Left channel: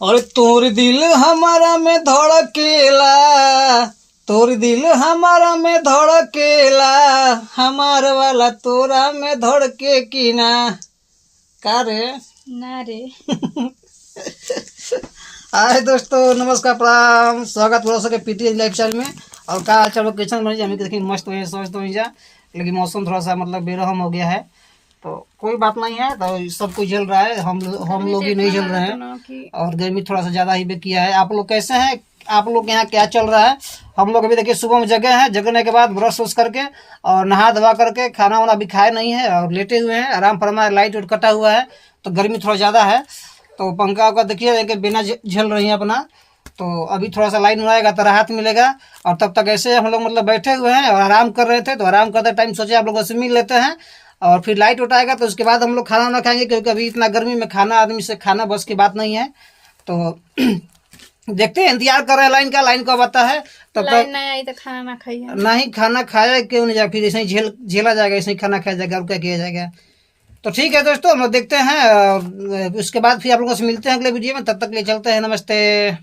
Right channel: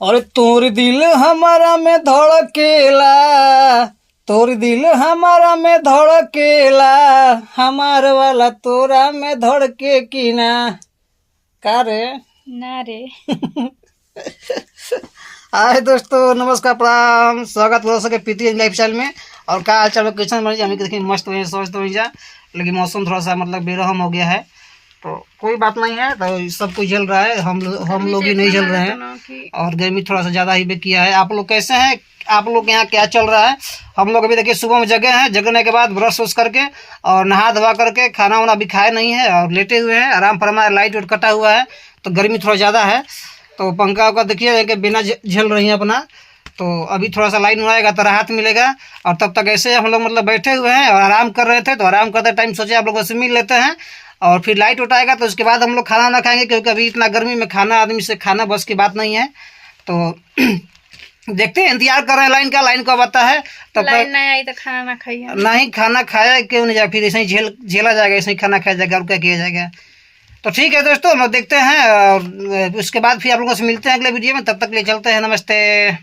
और तोर दिल हमारा में धड़केला, तोर दिल हमारा में धड़केला, हमार वाला तोरा में धड़के की ना। का रे ना रे। हाय दोस्तों, नमस्कार, प्रणाम, स्वागत हो सके पीटी लाइफस्टाइल में। और का हाल चाल क्वेश्चन बन हमें देखिए मस्त हो सोच तो जा, लेकिन मौसम थोड़ा सा मतलब बेरहम हो गया है, तो कोई बात नहीं है। तो सब कुछ झेल रहा है, हम लोग ही नहीं झेल रहे हैं। और गर्मी थोड़ा सा ज़्यादा ही भी किया है। आप लोग कैसे हैं? आप लोग के यहाँ क्या चल रहा है? हम लोग अभी देखिए सुबह में जगे हैं, जगने के बाद ब्रश व्रश करके और नहा धवा करके खाना वाना भी खाए नहीं है और लेटे हुए हैं आराम फरमा। लाइट वाइट कटा हुआ है तो गर्मी थोड़ा ज़्यादा है, तो पंखा का देखिए कि बिना झेल रही है अपना। तो अभी थोड़ा सा लाइन आएगा तो राहत मिलेगा। और तब तक ऐसे हम लोग मतलब बैठे हुए हैं और आराम कर रहे थे, तो आराम करते टाइम सोचे आप लोगों से मिल लेते हैं। और फिर लाइट उठाएगा तो उसके बाद हम लोग खाना ना खाएंगे, क्योंकि अभी इतना गर्मी में खाना आदमी से खाना बस की बात नहीं है। तो देखते हैं, इंतजार कर रहे हैं लाइन का। लाइन कब आता है तब लाइन तक नहीं आई तो खाना ना खाइए। नहीं खाना खाया क्यों नहीं जाए, फिर ऐसे ही झेला जाएगा, ऐसे ही खाना खाया जाएगा और क्या किया जाएगा। तो ठीक है दोस्तों, हम लोग देखते हैं और उसके बाद फिर आप लोगों से मिलते हैं अगले वीडियो में। तब तक ले चलते हैं, नमस्ते।